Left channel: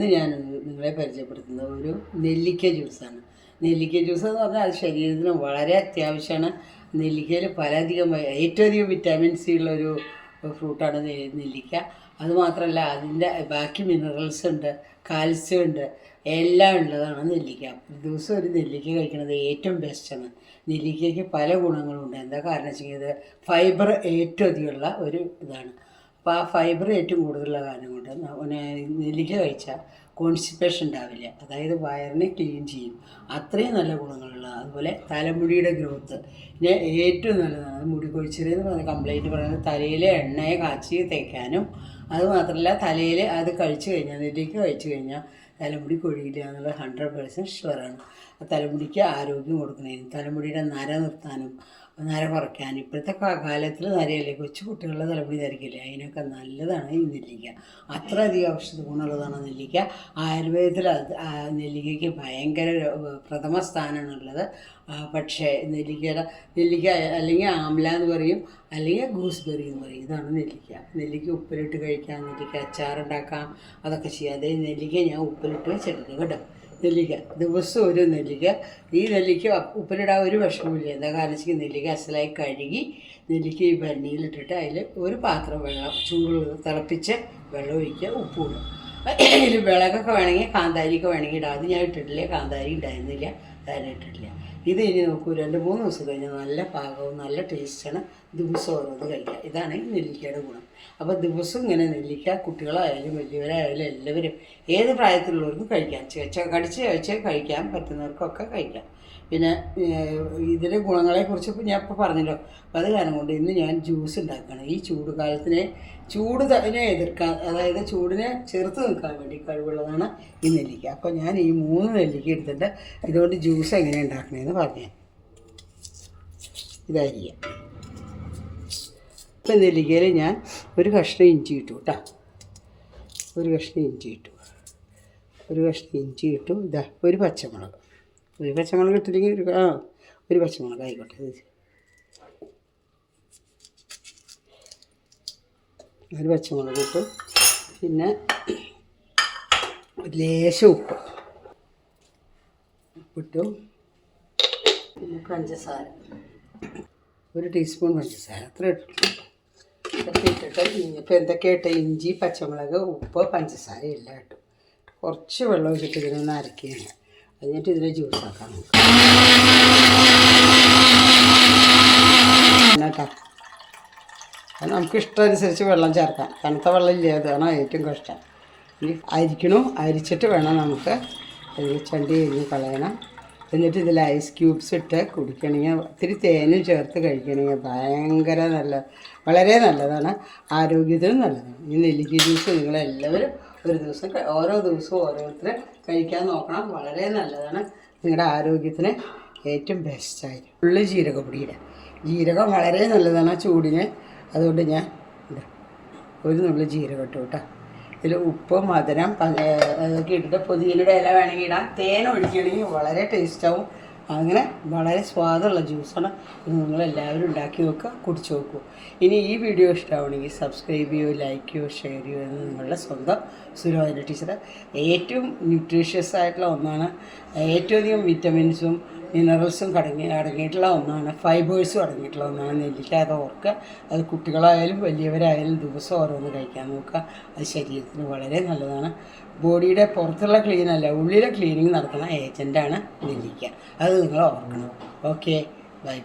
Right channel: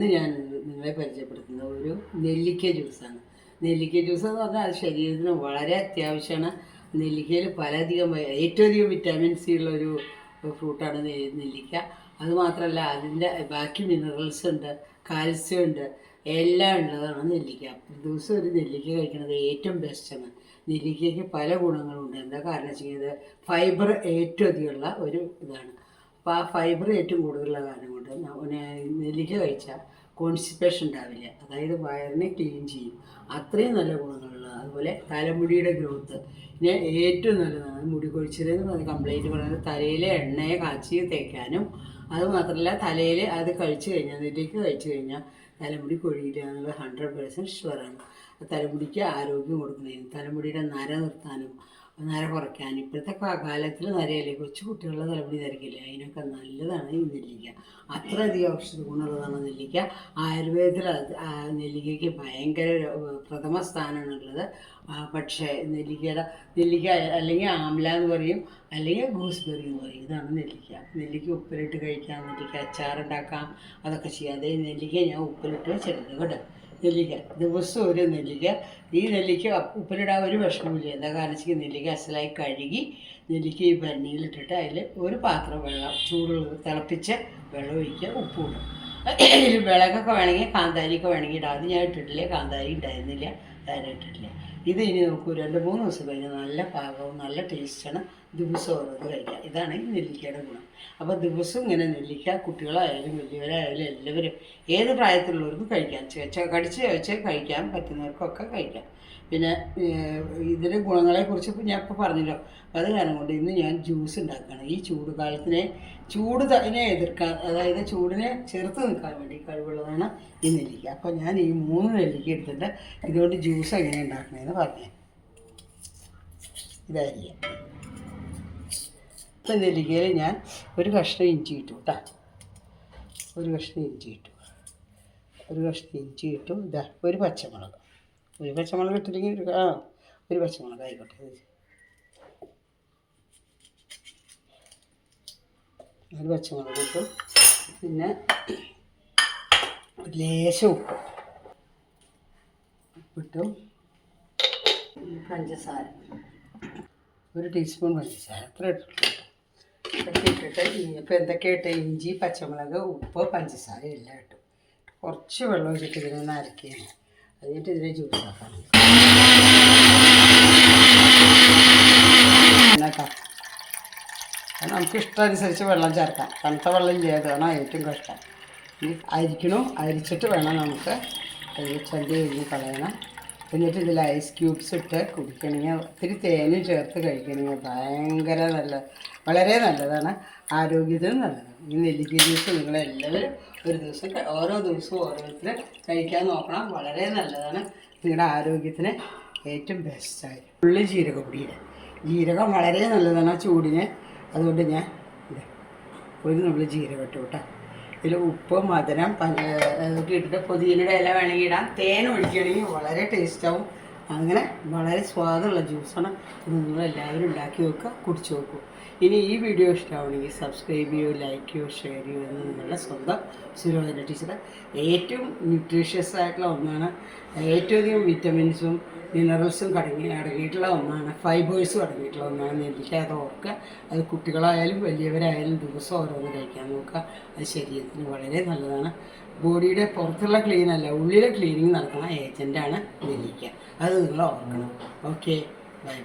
ഇന്ന് ഞാൻ നിങ്ങളെ പരിചയപ്പെടുത്തുന്നത് ഒരു നെല്ലിക്ക ജ്യൂസാണ്. നെല്ലിക്ക ജ്യൂസ് എന്ന് പറഞ്ഞാൽ അത് ശരീരത്തിന് വളരെ അത്യാവശ്യമാണ്. നെല്ലിക്കയിൽ ഏറ്റവും അധികം വിറ്റാമിൻ സി ഉള്ളൊരു ഫ്രൂട്ടാണ് നെല്ലിക്ക. അതുമാത്രമല്ല അതിൻ്റെ ബാക്കി മിനറൽസ് ഉണ്ട്, കാൽസ്യം ഉണ്ട്, എല്ലാം ഉള്ളതാണ് നെല്ലിക്ക. ദിവസം ഒരു നെല്ലിക്ക കഴിക്കുന്നത് ഏറ്റവും ബെസ്റ്റാണ്. നെല്ലിക്കയ്ക്ക് പല ഗുണങ്ങളുണ്ട്. എന്താ കാരണം വെച്ചെങ്കിൽ ഫൈബർ ഏറ്റവും അധികമുള്ള ഒരു ഇതാണ്. അപ്പോൾ ആ ഫൈബർ ഏറ്റവും കൂടുതലുള്ള കാരണം കൊണ്ട് നെല്ലിക്ക കഴിച്ചാൽ കോൺസ്റ്റിപ്പേഷൻ ഉണ്ടാവില്ല, അതായത് വയറിനെ ക്ലീൻ ചെയ്യും. അത്രയും നല്ല ഗുണങ്ങളുള്ള. അതുപോലെ തലമുടിയുടെ ഗ്രോത്ത് പിന്നെ ഏറ്റവും നല്ലതാണ്. മുടി കൊഴിച്ചിലെന്ന് പറഞ്ഞ കംപ്ലൈൻറ്റ് പറയുന്നത് തലയിലെ എണ്ണയെ കാച്ചി തേക്കാനും, അതുമാത്രമല്ല തലയിൽ അത് കഴിച്ചു കഴിഞ്ഞാൽ, നെല്ലിക്ക കഴിച്ചു കഴിഞ്ഞാൽ തലമുടി കൊഴിയില്ല എന്നുള്ളത് 100% ഷുവറാണ്. തലമുടിക്ക് ആരോഗ്യം കൊടുക്കുന്നതിനും തലമുടിയുടെ നര നിർത്താനും നര കുറയ്ക്കാനും. ഇപ്പോഴത്തെ കാലത്തിൽ നരയല്ലേ, കൊച്ചു കുട്ടികളുടെ തലമുടി ധരിക്കില്ലേ, അതിനൊക്കെ നല്ലതാണ് ഈ നെല്ലിക്ക. അത്രയധികം ഔഷധ ഗുണമുള്ളതാണ് നെല്ലിക്ക. ആയുർവേദത്തിൽ നെല്ലിക്കയ്ക്ക് ഭയങ്കര പ്രഥമ സ്ഥാനമാണുള്ളത്. പക്ഷേ നെല്ലിക്ക അല്ലെങ്കിൽ ആംല എന്ന് പറയും, അല്ലെങ്കിൽ ഗൂസ്ബെറി എന്ന് പറയും. ഇതാണ് നെല്ലിക്ക. നെല്ലിക്ക ഉപ്പിലിട്ട് കഴിക്കാം, നെല്ലിക്ക അച്ചാറുണ്ടാക്കാം, അതൊക്കെ ചെയ്യാം. അതേ നെല്ലിക്ക ഞാൻ ഉപ്പിലിട്ട് വെച്ചിട്ടുണ്ട് കേട്ടോ. നെല്ലിക്ക ദിവസം ഒരു നെല്ലിക്ക. ഈ നെല്ലിക്ക ഉപ്പിലിടാൻ ഒരു വിഷമമില്ല. എന്താ കാരണം വെച്ചാൽ നെല്ലിക്ക അസലായി കഴുകി നെല്ലിക്ക ഈ ഭരണിയിലിട്ടിട്ട് അതിൽ ഒരു പാത്രം വെള്ളം തിളപ്പിച്ച വെള്ളം ഒഴിക്കുക, ഉപ്പ് ഇടും. അതിൽ വിളകൊക്കെ വേണമെങ്കിൽ കാന്താരിയൊക്കെ വേണമെങ്കിൽ ഇടാം. അത് ഞാൻ ഇട്ടിട്ടില്ല, കാന്താരി ഉണ്ടായിരുന്നില്ല, അതിനെ ഇട്ടിട്ടില്ല. ഇത് ഇനി നോക്കൂ, 2-3 ദിവസം കഴിഞ്ഞ് നല്ല പാകവും നല്ല ടേസ്റ്റാണ്. ദിവസം ഓരോന്ന് കഴിക്കുക. ഇതാണ് ഈ നെല്ലിക്കയുടെ ഗുണം. അപ്പോൾ ദിവസവും ഇങ്ങനെ നെല്ലിക്ക കുട്ടികളായാലും വലിയവരായാലും എല്ലാവരും ഏത് പ്രായത്തിലുള്ളവർക്കും കഴിക്കാം. കടിച്ച് കഴിക്കാൻ പറ്റുന്നവർക്കൊക്കെ കഴിക്കാം. പിന്നെ ഇതിൻ്റെ ഗുണങ്ങളെക്കുറിച്ച് ഞാൻ ഇപ്പോൾ പറഞ്ഞല്ലോ. അത് കാരണം കൊണ്ട് ഇന്ന് ഞാൻ ജ്യൂസ് ഉണ്ടാക്കുകയാണ്. ഈ ചൂട് കാലത്തിനെ ചൂടിനെ എതിർക്കാൻ, അതായത് ചൂടിനെ ചെറുത്ത് നിൽക്കാൻ വേണ്ടി കഴിവുള്ളതാണ് ഈ നെല്ലിക്ക. അപ്പോൾ ഞാൻ ഈ 3 നെല്ലിക്ക എടുത്തിട്ട് ഇതുകൊണ്ട് ജ്യൂസ് എങ്ങനെ ഉണ്ടാക്കണമെന്ന് പറഞ്ഞാൽ ഇതായിരിക്കാം. ഇപ്പം നെല്ലിക്കയിൽ ഞാൻ ഒരു കഷ്ണം ഇഞ്ചി ഇട്ടു കേട്ടോ. ഒരു കഷ്ണം ഇഞ്ചി ഇട്ടു. ഇതാ ഒരു പച്ചമുളക് ഇട്ടില്ലെങ്കിൽ ഒരു പച്ചമുളക് ആയിക്കോട്ടെ. ഒരു പച്ചമുളക് ഇട്ടു. പിന്നെ ലേശം ഉപ്പിട്ടു. പിന്നെ പഞ്ചസാര, 1 ടീസ്പൂൺ പഞ്ചസാര, അത്ര ഇട്ടിട്ട് ഇപ്പോൾ എന്തൊക്കെ ഇട്ട് ഇഞ്ചി, പച്ചമുളക്, ഉപ്പ്, പഞ്ചസാര എല്ലാം ഇട്ടു. കുറച്ച് വെള്ളം ഒഴിച്ചിട്ട് ഇതിനൊന്ന് അരക്കുകയാണ്. എന്നിട്ട് ഇതിനെ ജ്യൂസാക്കാം കേട്ടോ. അത് നമുക്ക് ഇഷ്ടമനുസരിച്ച് വെള്ളം ചേർക്കാം. തണുത്ത വെള്ളം ഇല്ലാതാണ് ഏറ്റവും കഷ്ടം. ഈ അരിച്ചിട്ട് വേണം നമുക്ക് ചണ്ടി കഴിഞ്ഞ് കളയണം. എന്നിട്ട് ഇതിൽ ഐസ് ക്യൂബ്സ് ഇട്ട് കുടിക്കണമെങ്കിൽ, ഒത്തിരി തേനും ചേർത്ത് കഴിക്കണമെങ്കിൽ വളരെ നല്ലതാണ്. ആരോഗ്യത്തിനും നല്ലതാണ്. ഈ നെല്ലിക്ക ജ്യൂസ് നിങ്ങളെല്ലാവരും ഓരോ ദിവസവും ഓരോരുത്തർ കഴിക്കാൻ നോക്കണം. വളരെ നല്ലതാണ്. നിങ്ങളുടെ ആരോഗ്യത്തിന് ഏറ്റവും ബെസ്റ്റായിരിക്കും. ഉള്ളി ജീരകം വളരെ നല്ലതാണ് ചൂടിന്. അതുകൊണ്ട് ഞാൻ ഒരു നുള്ളി ജീരകം ഇട്ടു കേട്ടോ. ഇതിൽ ഉപ്പ്, മധുരം, അതൊക്കെ ഇട്ടിട്ട് പുതിനയുടെ ഇല വേണമെങ്കിൽ ഇടാം. തേൻ ഒഴിക്കുകയാണെങ്കിൽ വളരെ ടേസ്റ്റാവും. അങ്ങനെ വളരെ സ്വാദുള്ള ജ്യൂസാണ്. നിങ്ങളെല്ലാവരും ഉണ്ടാക്കി നോക്കുക, കുടിച്ച് നോക്കൂ. ഇനി ഈ വീഡിയോ ഇഷ്ടമാണെങ്കിൽ സബ്സ്ക്രൈബ് ചെയ്യുക, ലൈക്ക് ചെയ്യുക, ഷെയർ ചെയ്യുക. എന്ന് നിങ്ങളുടെ സ്വന്തം സുലോചന ടീച്ചർ. ഏറ്റവും ന്യൂട്രീഷ്യസ് ആയിട്ടുള്ള ഒന്നാണ്, ഏറ്റവും അധികം വിറ്റമിൻസും മിനറൽസും അടങ്ങിയിട്ടുള്ള ഒന്നാണ്, ഫൈബേഴ്സും അടങ്ങിയിട്ടുള്ള ഒന്നാണ് നെല്ലിക്ക. അത് ഓർക്കുക. അത് കുട്ടികളായാലും വലിയവരായാലും ദിവസം ഓരോന്ന് കഴിക്കാൻ നോക്കുക. അത് ശരീരത്തിന് വളരെ നല്ലതാണ്. ബോഡിയുടെ പുറത്തുള്ള ക്ലീനല്ല, ഉള്ളിലെ ക്ലീനിങ് നടത്തുന്ന ഏജൻ്റാണ് നെല്ലിക്ക. അത് നിങ്ങൾ ഓർക്കണം. Okay, by.